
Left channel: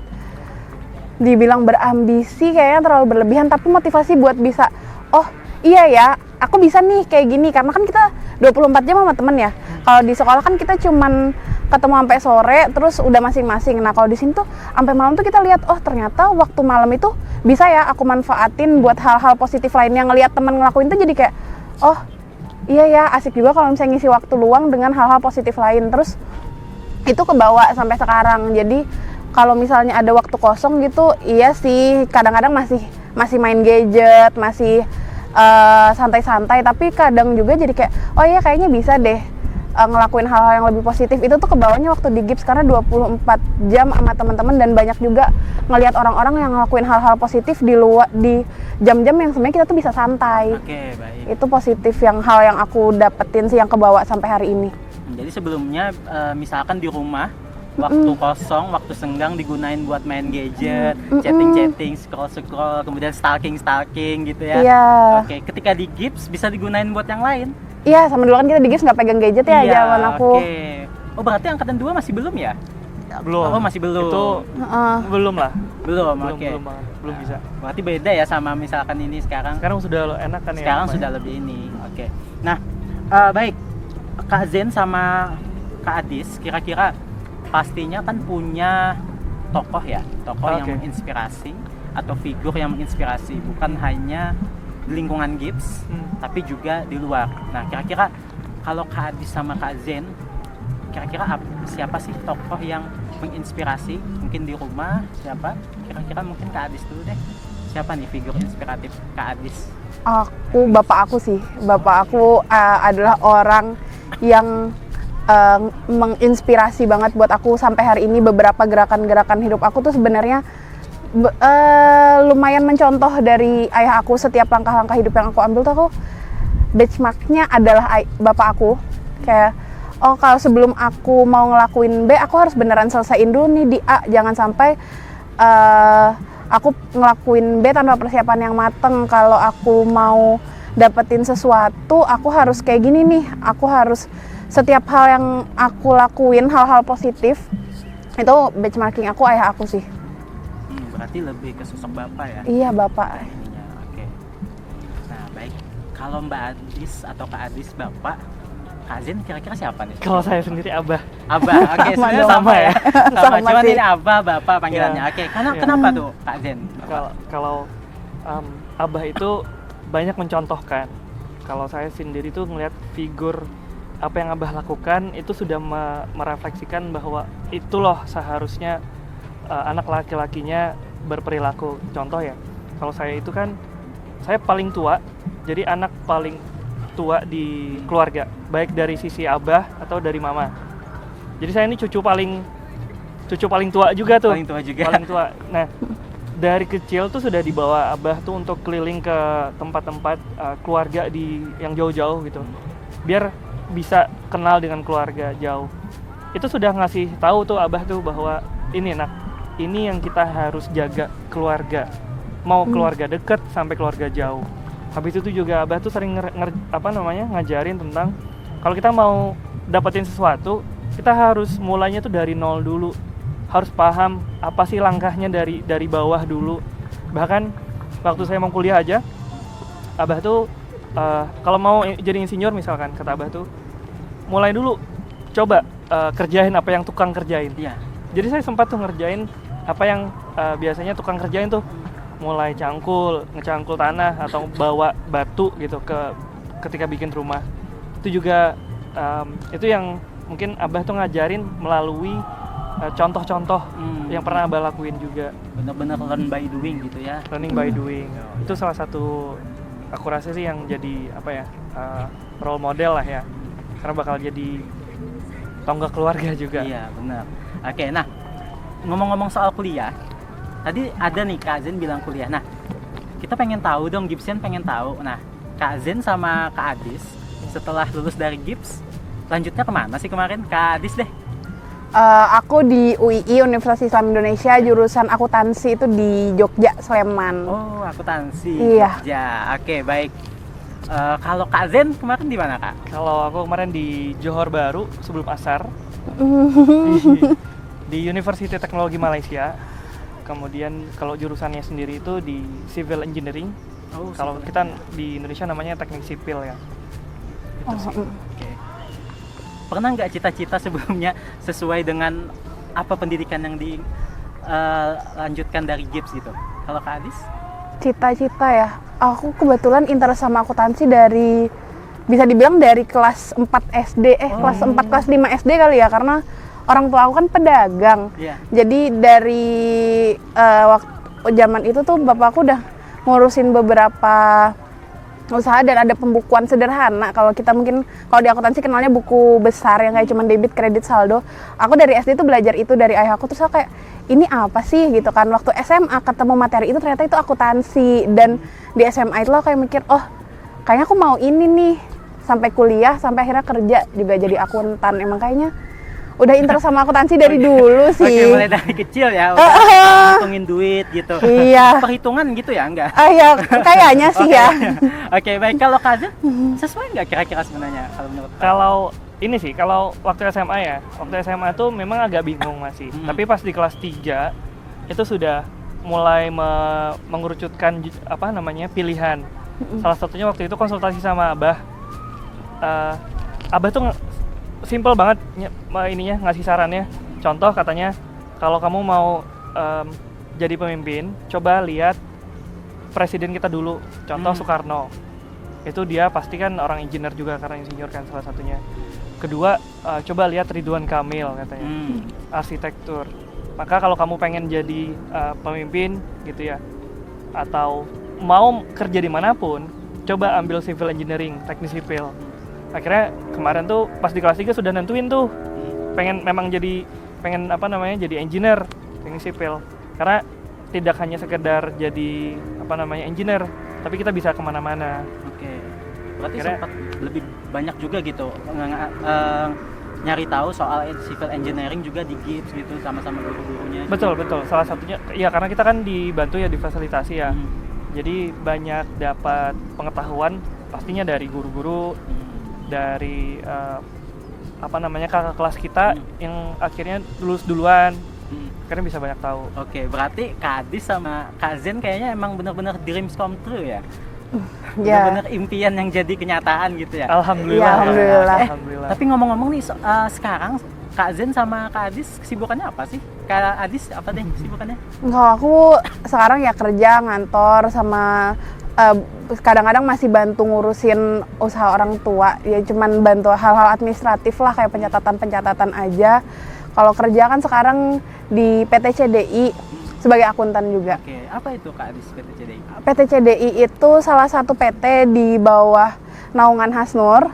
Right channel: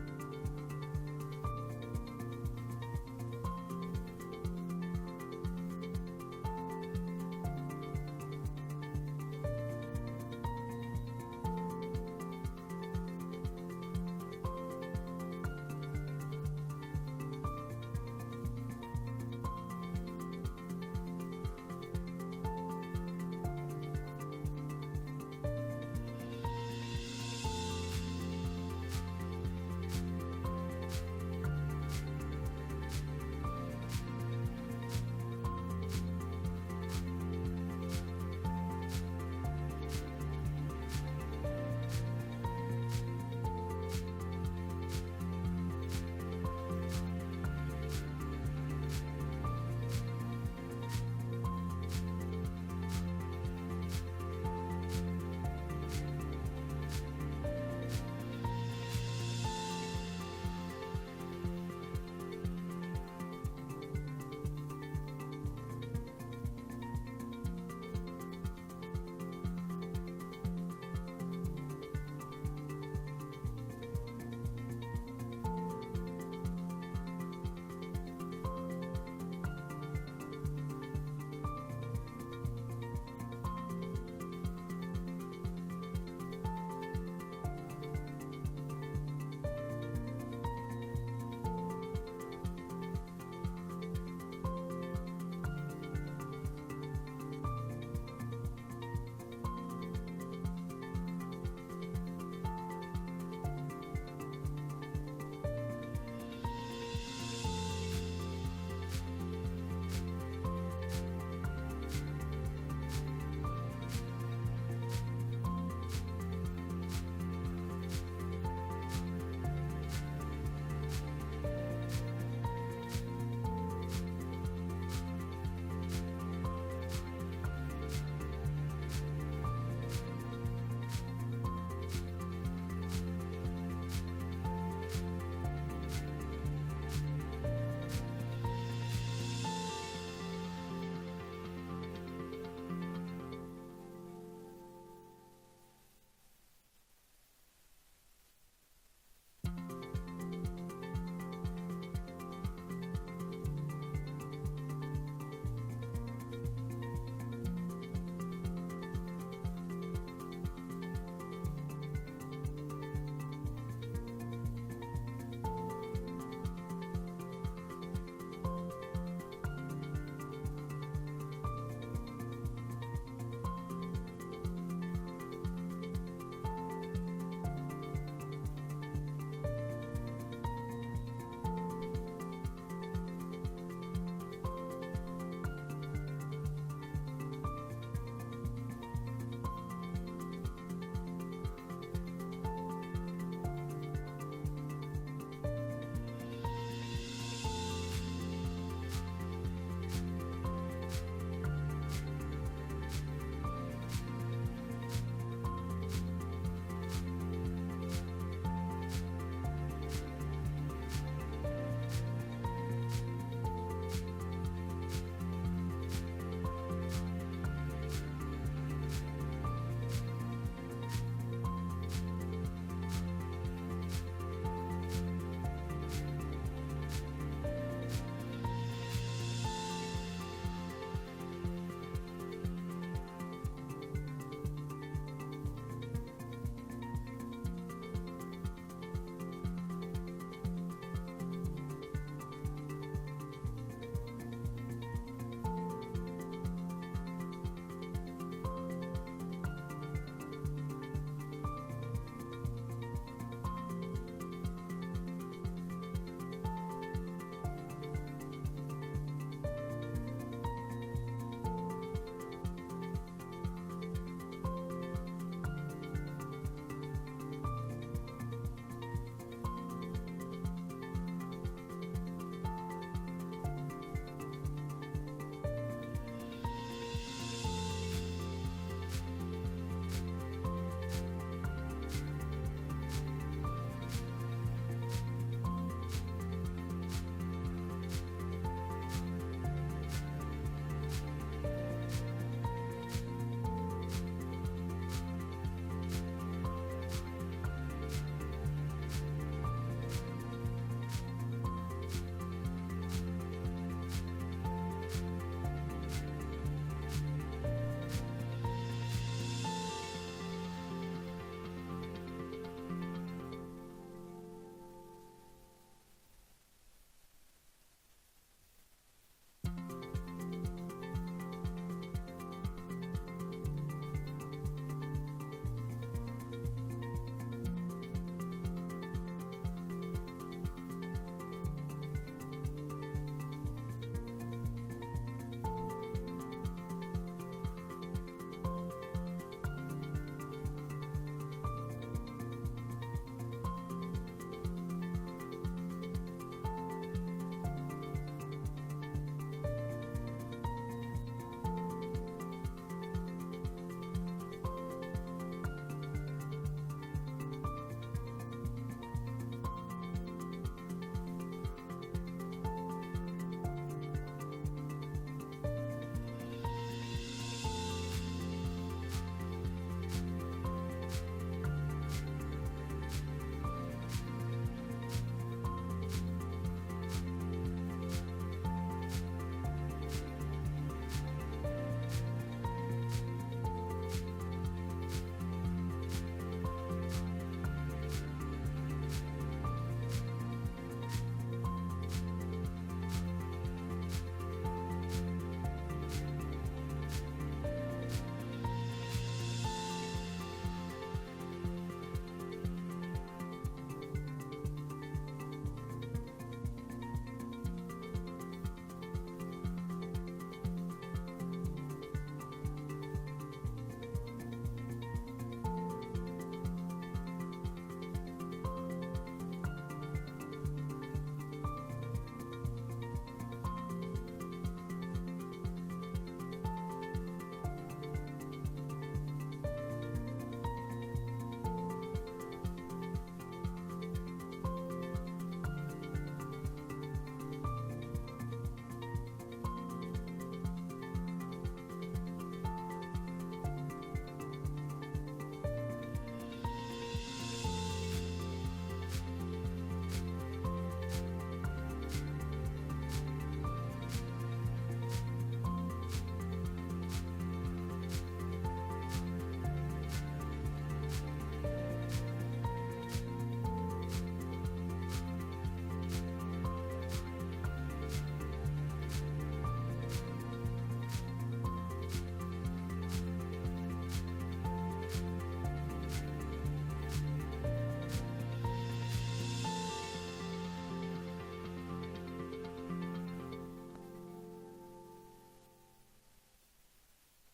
dibilang berambisi kayaknya terlalu berlebihan, tapi motivasi buat bisa, oh iya ya, aku bisa nih kayak gini. Karena kan kita 24 jam sama temen ya. Kalau di sekolah kan kita cuman ketemu sampai sore, terus udah masing-masing. Nah kalau di sini tuh sampai malam tuh kita lihat, oh ternyata waktu malam itu bisa ya aku manfaatin buat hal-hal positif lainnya. Ngelihat teman ngelakuin tuh jadi kayak, oh iya ya, asik juga kalau misalnya ngisi waktu luang dengan hal-hal positif lain. Terus itu kebawa sampai sekarang. Jadi kalau misalnya ada waktu kosong gitu, iya sih kadang-kadang masih main gadget, masih santai-santai. Tapi kadang juga jadi kayak, oh iya kayaknya bisa deh ngelakuin hal-hal yang lebih positif. Itu tuh kebawanya waktu di GIPS karena 24 jam sama teman-teman, dan banyak juga ngelihat orang-orang yang ngelakuin hal-hal positif di luar, di jam-jam yang sebenarnya kita tuh bisa santai. Oke, baik. Itu positif hal yang aku dapetin sih, yang kebawa sampai hari ini. Jadi sebelumnya misalkan di rumah waktu kosong, waktu senggang digunain buat main gadget, chatting-chatting, scroll-scroll, kemudian stalking gitu ya. Iya. Oke, ketika di GIPS bisa digunain buat yang lain. Iya, sama dulu kan kita di GIPS nggak pegang gadget ya, Iya, zaman aku. Oke. Oh, berarti angkatan 2 masih belum ya? Belum. Oh, masih belum. Itu belum lah. Belum, Belum, oke. belum bisa. Berarti beda ya sama misalkan ini sekarang. Sekarang sudah enak kan ya. Sekarang lumayan. sudah lebih ini. Oke. Nah, baik. Kak Zen sama Kak Adis kira-kira pastinya kan punya tokoh ya, tokoh yang Oke. menginspirasi atau figur yang menginspirasi, bukan hanya di lingkungan Gibbs, tapi juga di luar. Nah, kira-kira kalau Kak Adis sama Kak Zen, kira-kira siapa sih tokoh yang menginspirasi? Mungkin di rumah siapa? Kira-kira mungkin Kak Adis dulu deh. Siapa nih figur inspiratif Kak Adis? Bapak aku sih. Bapak aku adalah orang yang menginspirasi banget buat aku sampai hari ini. Beberapa gerakan-gerakan hidup aku tuh sebenarnya lumayan mencontoh dari ayah aku. Setiap langkah-langkah hidup yang aku ambil tuh aku benchmarknya adalah bapak aku. Kayak, oh kalau sebelum aku mau ngelakuin B, aku harus beneran selesaiin dulu nih di A. Jangan sampai aku ngelakuin B tanpa persiapan yang mateng. Kalau aku mau dapetin sesuatu, aku harus kayak gini nih. Aku harus setiap hal yang aku lakuin, hal-hal positif, itu benchmarking aku ayah aku sih. Berarti lebih ke sosok bapak ya? Iya, bapak. Ya, oke. Nah, baik. Kalau Mbak Adis atau Kak Adis bapak, Kak Zen kira-kira siapa nih? Kalau saya sendiri Abah. Abah, oke, sebenarnya dong. sama ya. Sama, Sama cuman sih. ini Abah, Bapak panggilannya. Iya. Oke, Iya. kenapa tuh Kak Zen? Kalau Abah itu banyak mencontohkan. Kalau saya sendiri tuh ngelihat figur apa yang Abah lakukan itu sudah merefleksikan bahwa itu loh seharusnya anak laki-lakinya berperilaku. Contoh ya, kalau saya itu kan saya paling tua, jadi anak paling tua di keluarga, baik dari sisi Abah atau dari Mama. Jadi saya ini cucu paling tua juga tuh. Paling tua juga. Paling tua. Nah, dari kecil tuh sudah dibawa Abah tuh untuk keliling ke tempat-tempat keluarga yang jauh-jauh gitu, biar bisa kenal dengan keluarga jauh. Itu sudah ngasih tahu tuh Abah tuh bahwa ini yang kita harus jaga keluarga, mau keluarga deket sampai keluarga jauh. Habis itu juga Abah tuh sering ngajarin tentang kalau kita mau dapetin sesuatu, kita harus mulainya tuh dari nol dulu. Harus paham apa sih langkahnya dari bawah dulu. Bahkan waktu saya mau kuliah aja, Abah tuh kalau mau jadi insinyur misalkan, kata Abah tuh mulai dulu, coba kerjain apa yang tukang kerjain. Iya. Jadi saya sempat tuh ngerjain apa yang biasanya tukang kerjain tuh, mulai ngecangkul tanah atau bawa batu gitu ketika bikin rumah. Itu juga itu yang mungkin Abah tuh ngajarin melalui contoh-contoh yang pernah Abah lakuin juga. Benar-benar learn by doing gitu ya. Learning by doing. Itu salah satu aku rasa sih yang jadi role model lah ya. Karena bakal jadi tonggak keluarga juga. Iya, benar. Oke, nah ngomong-ngomong soal kuliah, tadi ada nih Kak Zen bilang kuliah. Nah, kita pengen tahu dong, Gibson pengen tahu. Nah, Kak Zen sama Kak Adis setelah lulus dari Gibbs, lanjutnya kemana sih kemarin? Kak Adis deh. Aku di UII, Universitas Islam Indonesia, jurusan akuntansi itu di Jogja, Sleman. Oh, akuntansi. Iya. Ya, oke, baik. Kalau Kak Zen kemarin di mana, Kak? Kalau aku kemarin di Johor Bahru sebelum asar, di University Teknologi Malaysia. Kemudian kalau jurusannya sendiri itu di Civil Engineering. Oh, Kalau kita di Indonesia namanya teknik sipil ya. Oke. Pernah nggak cita-cita sebelumnya sesuai dengan apa pendidikan yang dilanjutkan dari Gibbs gitu? Kalau Kak Adis? Cita-cita ya, aku kebetulan interest sama akuntansi dari, bisa dibilang dari kelas 4 SD, kelas 4, kelas 5 SD kali ya, karena orang tua aku kan pedagang. Iya. Jadi dari waktu zaman itu tuh bapakku udah ngurusin beberapa usaha dan ada pembukuan sederhana. Kalau kita mungkin, kalau di akuntansi kenalnya buku besar yang kayak cuma debit, kredit, saldo. Aku dari SD tuh belajar itu dari ayahku, terus aku kayak, ini apa sih gitu kan. Waktu SMA ketemu materi itu ternyata itu akuntansi, dan di SMA itu aku kayak mikir, oh kayaknya aku mau ini nih. Sampai kuliah, sampai akhirnya kerja juga jadi akuntan. Emang kayaknya udah interest sama akuntansi dari dulu sih. Oke, mulai dari kecil ya, udah ngitungin duit gitu. Iya. Perhitungan gitu ya, enggak? Ya kayaknya sih ya. Oke, baik. Kalau Kak Zen, sesuai nggak kira-kira sebenarnya kalau menurut Kak? Kalau ini sih, kalau waktu SMA ya, waktu SMA tuh memang agak bingung masih. Tapi pas di kelas 3 itu sudah mulai mengerucutkan pilihan. Salah satunya waktu itu konsultasi sama Abah. Abah tuh simple banget ngasih sarannya. Contoh katanya, kalau kamu mau jadi pemimpin, coba lihat presiden kita dulu, contoh Soekarno. Itu dia pasti kan orang engineer juga karena insinyur kan salah satunya. Kedua, coba lihat Ridwan Kamil katanya, arsitektur. Maka kalau kamu pengen jadi pemimpin gitu ya, atau mau kerja dimanapun, coba ambil civil engineering, teknik sipil. Akhirnya kemarin tuh pas di kelas 3 sudah nentuin tuh, pengen jadi engineer, teknik sipil. Karena tidak hanya sekedar jadi engineer, tapi kita bisa kemana-mana. Berarti sempat lebih banyak juga gitu nyari tahu soal civil engineering juga di GIPS gitu sama-sama guru-gurunya. Betul. Salah satunya ya karena kita kan dibantu ya, difasilitasi ya. Jadi banyak dapat pengetahuan pastinya dari guru-guru, dari kakak kelas kita yang akhirnya lulus duluan. Akhirnya bisa banyak tahu. Oke, berarti Kak Adis sama Kak Zen kayaknya emang benar-benar dreams come true ya. Benar-benar impian yang jadi kenyataan gitu ya. Alhamdulillah. Ya, alhamdulillah. Alhamdulillah. Tapi ngomong-ngomong nih, sekarang Kak Zen sama Kak Adis kesibukannya apa sih? Kak Adis apa deh kesibukannya? Kalau aku sekarang ya kerja ngantor sama kadang-kadang masih bantu ngurusin usaha orang tua. Ya cuman bantu hal-hal administratif lah kayak pencatatan aja. Kalau kerja kan sekarang di PT CDI sebagai akuntan juga. Oke, apa itu Kak Adis PT CDI? PT CDI itu salah satu PT di bawah naungan Hasnur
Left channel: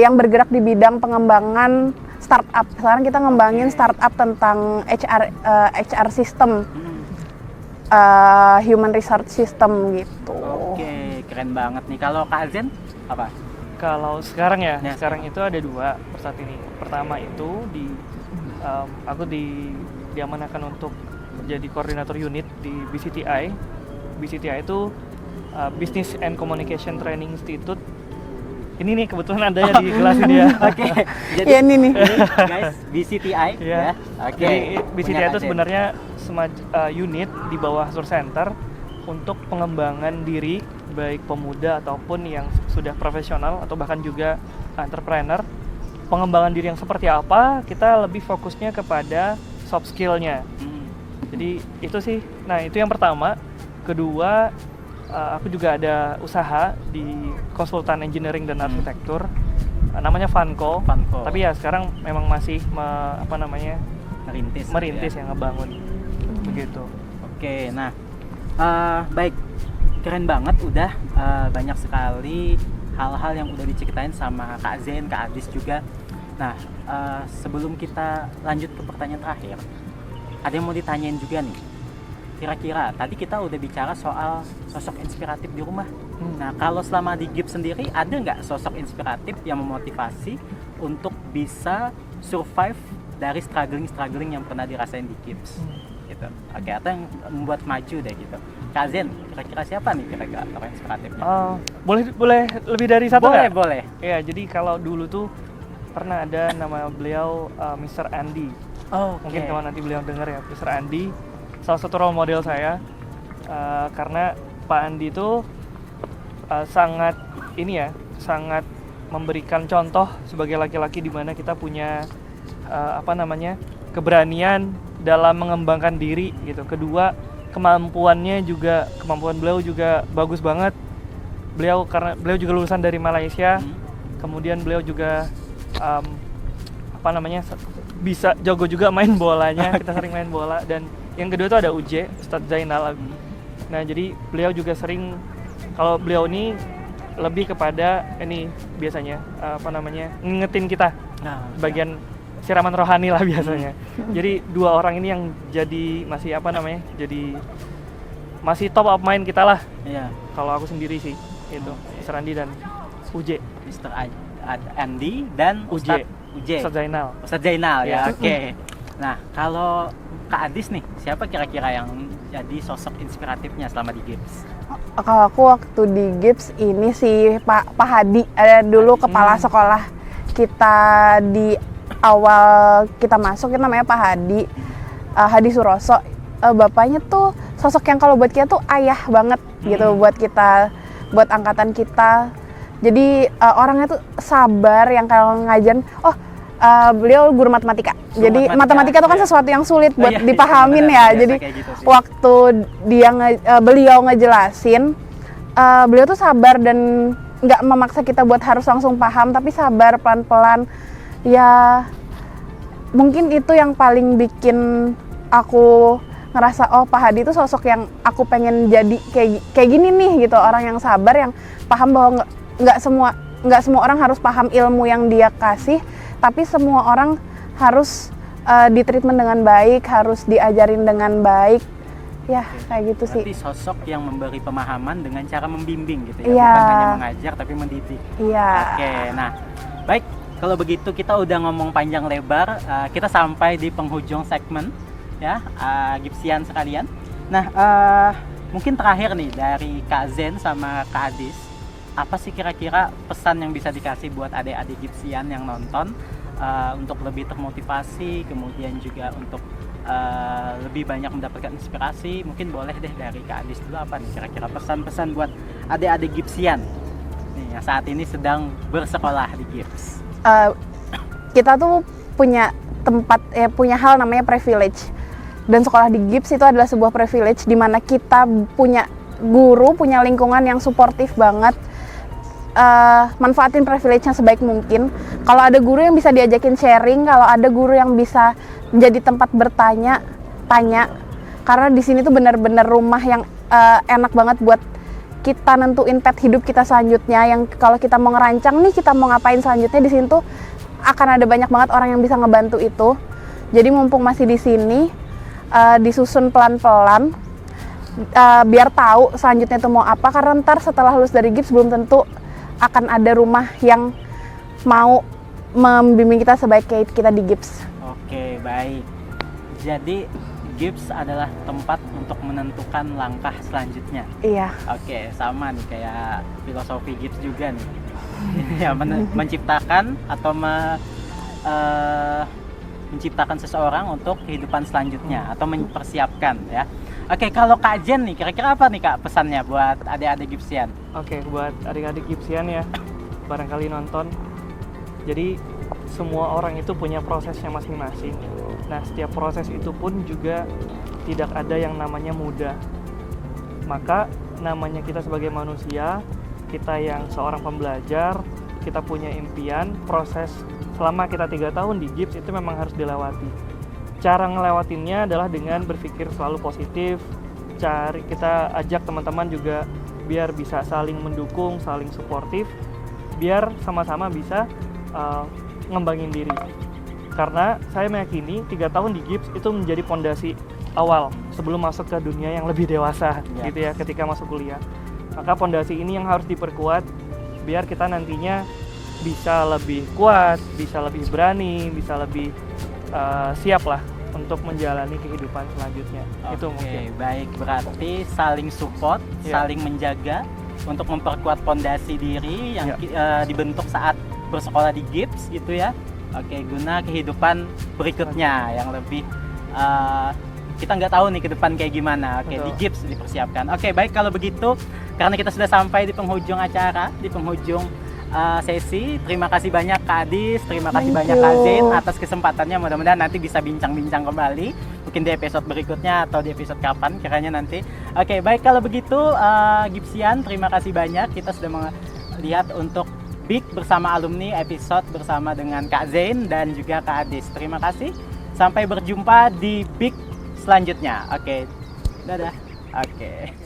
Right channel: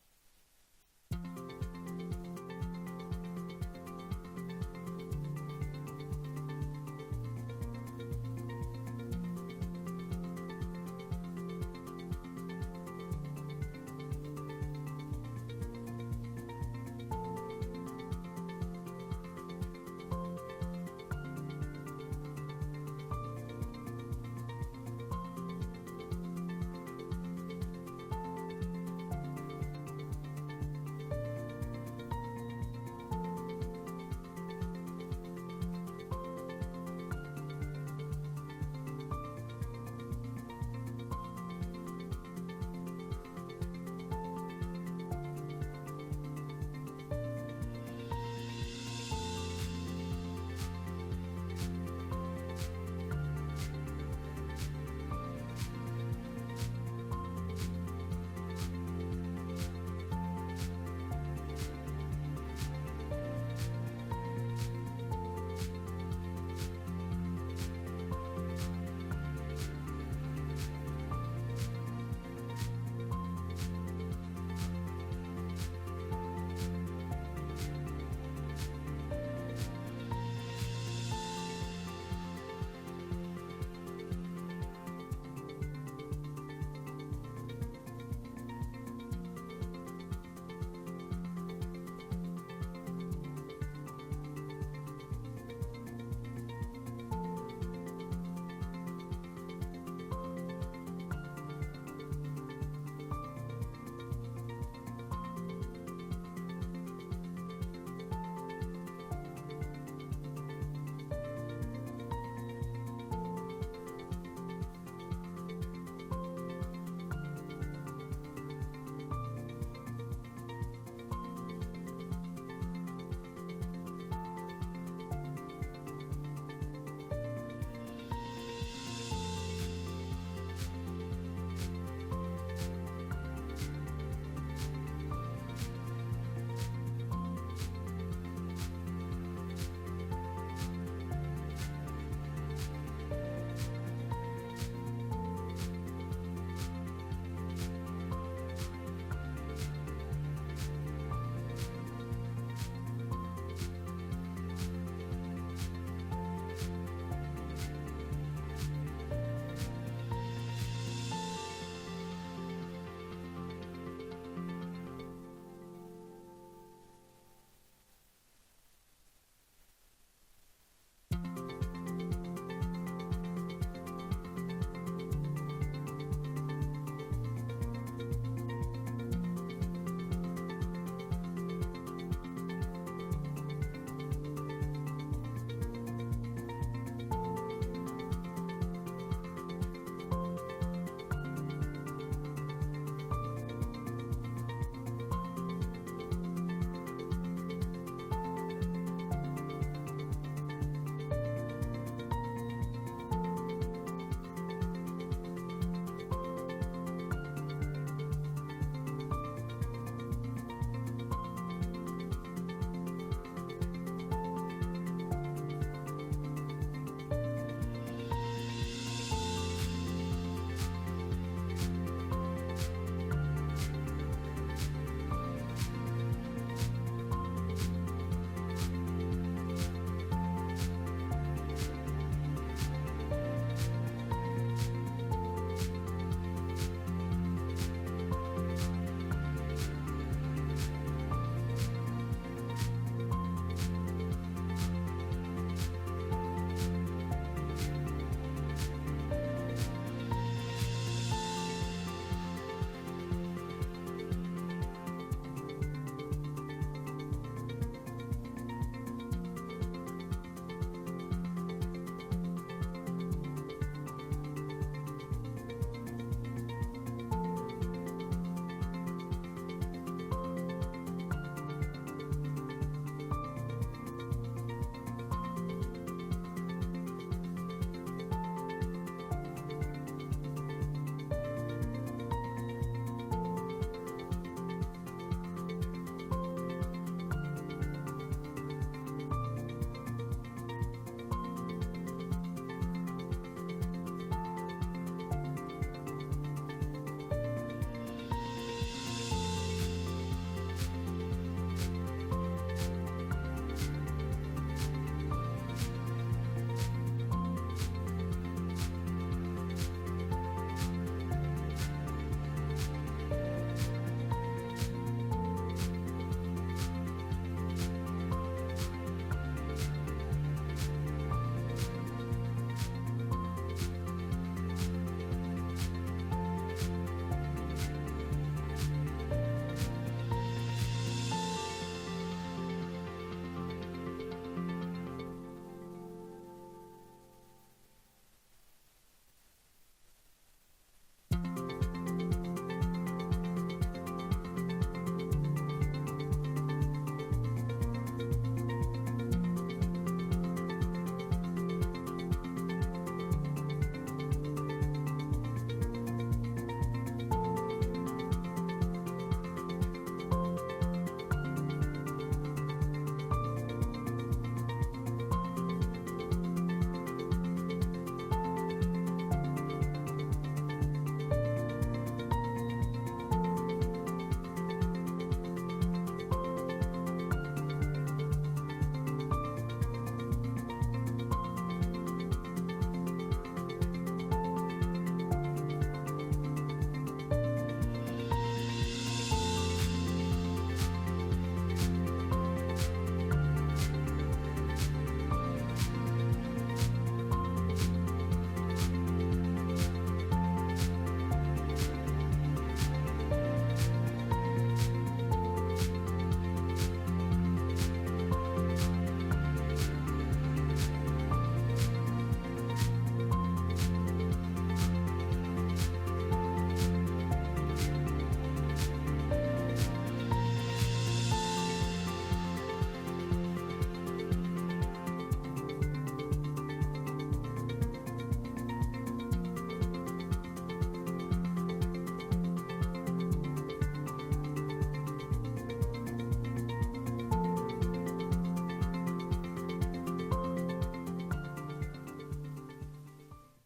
yang bergerak di bidang pengembangan startup. Sekarang kita ngembangin startup tentang HR system, human resource system gitu. Oke, keren banget nih. Kalau Kak Zen apa? Kalau sekarang ya, sekarang itu ada 2 per saat ini. Pertama itu aku diamanahkan untuk jadi koordinator unit di BCTI. BCTI itu Business and Communication Training Institute. Ini nih kebetulan ada ya di kelas ini ya. Oke. Jadi Ya ini nih. guys, BCTI ya. Oke. Jadi BCTI itu sebenarnya unit di bawah Hasnur Center untuk pengembangan diri baik pemuda ataupun yang sudah profesional atau bahkan juga entrepreneur. Pengembangan diri yang seperti apa, kita lebih fokusnya kepada soft skill-nya. Jadi itu sih, nah itu yang pertama. Kedua, aku juga ada usaha di konsultan engineering dan arsitektur, namanya Vanco. Tapi ya sekarang memang masih merintis ya, ngebangun begitu. Oke, nah baik, keren banget udah banyak sekali hal-hal yang udah diceritain sama Kak Zen, Kak Adis juga. Nah, sebelum kita lanjut ke pertanyaan terakhir, ada yang mau ditanyain juga nih. Kira-kira tadi kita udah bicara soal sosok inspiratif di rumah. Nah, kalau selama di GIPS sendiri ada nggak sosok inspiratif yang memotivasi untuk bisa survive dari struggling yang pernah dirasain di GIPS? Gitu. Oke, atau yang membuat maju deh gitu. Kak Zen, kira-kira siapa nih kira-kira orang inspiratifnya? Boleh lebih dari satu nggak? Boleh. Ya, jadi kalau dulu tuh pernah ada nama beliau Mr. Andy. Mungkin kalau nanti beliau dengar ya, Mr. Andy salah satu role model saya, karena Pak Andi itu sangat sangat memberikan contoh sebagai laki-laki di mana kita punya keberanian dalam mengembangkan diri gitu. Kedua, kemampuan beliau juga bagus banget. Karena beliau juga lulusan dari Malaysia. Kemudian beliau juga bisa jago juga main bolanya. Kita sering main bola. Dan yang kedua itu ada UJ, Ustadz Zainal. Nah, jadi beliau juga sering, kalau beliau ini lebih kepada ini biasanya ngingetin kita bagian siraman rohani lah biasanya. Jadi 2 orang ini yang jadi masih top of mind kita lah. Iya. Kalau aku sendiri sih itu Mr. Andi dan UJ. Mr. Andi dan UJ. Ustadz Ya. Zainal ya. Oke. Nah, kalau Kak Adis nih, siapa kira-kira yang jadi sosok inspiratifnya selama di GIPS? Kalau aku waktu di GIPS ini sih Pak Hadi, ada dulu kepala sekolah kita di awal kita masuk, itu namanya Pak Hadi, Hadi Suroso. Bapaknya tuh sosok yang kalau buat kita tuh ayah banget gitu buat kita, buat angkatan kita. Jadi orangnya tuh sabar, yang kalau ngajarin, Beliau guru matematika. Jadi matematika itu kan iya. sesuatu yang sulit buat Iya, dipahamin benar, ya. biasa Jadi kayak gitu sih. waktu beliau ngejelasin, beliau tuh sabar dan nggak memaksa kita buat harus langsung paham, tapi sabar pelan-pelan. Ya mungkin itu yang paling bikin aku ngerasa oh Pak Hadi itu sosok yang aku pengen jadi kayak gini nih gitu, orang yang sabar, yang paham bahwa nggak semua orang harus paham ilmu yang dia kasih, tapi semua orang harus ditreatment dengan baik, harus diajarin dengan baik. Ya, kayak gitu sih. Berarti sosok yang memberi pemahaman dengan cara membimbing gitu ya, Iya. bukan hanya mengajar tapi mendidik. Iya. Oke, nah baik, kalau begitu kita udah ngomong panjang lebar, kita sampai di penghujung segmen ya, Gipsian sekalian. Nah, mungkin terakhir nih dari Kak Zen sama Kak Adis, apa sih kira-kira pesan yang bisa dikasih buat adik-adik Gipsian yang nonton untuk lebih termotivasi, kemudian juga untuk lebih banyak mendapatkan inspirasi? Mungkin boleh deh dari Kak Adis dulu, apa nih kira-kira pesan-pesan buat adik-adik Gipsian nih, yang saat ini sedang bersekolah di Gips? Kita tuh punya punya hal namanya privilege, dan sekolah di Gips itu adalah sebuah privilege di mana kita punya guru, punya lingkungan yang suportif banget. Manfaatin privilege-nya sebaik mungkin. Kalau ada guru yang bisa diajakin sharing, kalau ada guru yang bisa menjadi tempat bertanya, tanya. Karena di sini tuh benar-benar rumah yang enak banget buat kita nentuin path hidup kita selanjutnya. Yang kalau kita mau ngerancang nih, kita mau ngapain selanjutnya, di sini tuh akan ada banyak banget orang yang bisa ngebantu itu. Jadi mumpung masih di sini, disusun pelan-pelan, biar tahu selanjutnya itu mau apa. Karena ntar setelah lulus dari Gips belum tentu akan ada rumah yang mau membimbing kita sebaik kayak kita di Gips. Oke, baik. Jadi Gips adalah tempat untuk menentukan langkah selanjutnya. Iya. Oke, sama nih kayak filosofi Gips juga nih. Ya, menciptakan atau menciptakan seseorang untuk kehidupan selanjutnya atau mempersiapkan ya. Oke, kalau Kak Jen nih, kira-kira apa nih Kak pesannya buat adik-adik Gipsian? Oke, buat adik-adik Gipsian ya, barangkali nonton. Jadi semua orang itu punya prosesnya masing-masing. Nah, setiap proses itu pun juga tidak ada yang namanya mudah. Maka namanya kita sebagai manusia, kita yang seorang pembelajar, kita punya impian, proses selama kita 3 tahun di Gips itu memang harus dilewati. Cara ngelewatinnya adalah dengan berpikir selalu positif. Kita ajak teman-teman juga biar bisa saling mendukung, saling suportif, biar sama-sama bisa ngembangin diri. Karena saya meyakini 3 tahun di Gips itu menjadi fondasi awal sebelum masuk ke dunia yang lebih dewasa gitu ya, ketika masuk kuliah. Maka fondasi ini yang harus diperkuat biar kita nantinya bisa lebih kuat, bisa lebih berani, bisa lebih siap lah untuk menjalani kehidupan selanjutnya. Itu mungkin. Baik, berarti saling support, saling menjaga untuk memperkuat fondasi diri yang dibentuk saat bersekolah di Gips gitu ya. Oke, guna kehidupan berikutnya yang lebih kita nggak tahu nih ke depan kayak gimana. Oke, di Gips dipersiapkan. Oke, baik, kalau begitu karena kita sudah sampai di penghujung acara, di penghujung sesi. Terima kasih banyak Kak Adis, terima kasih banyak Kak Zen atas kesempatannya. Mudah-mudahan nanti bisa bincang-bincang kembali, mungkin di episode berikutnya atau di episode kapan kiranya nanti. Oke, baik, kalau begitu Gipsian, terima kasih banyak. Kita sudah melihat untuk Big bersama alumni, episode bersama dengan Kak Zen dan juga Kak Adis. Terima kasih. Sampai berjumpa di Big selanjutnya. Oke. Dadah. Oke.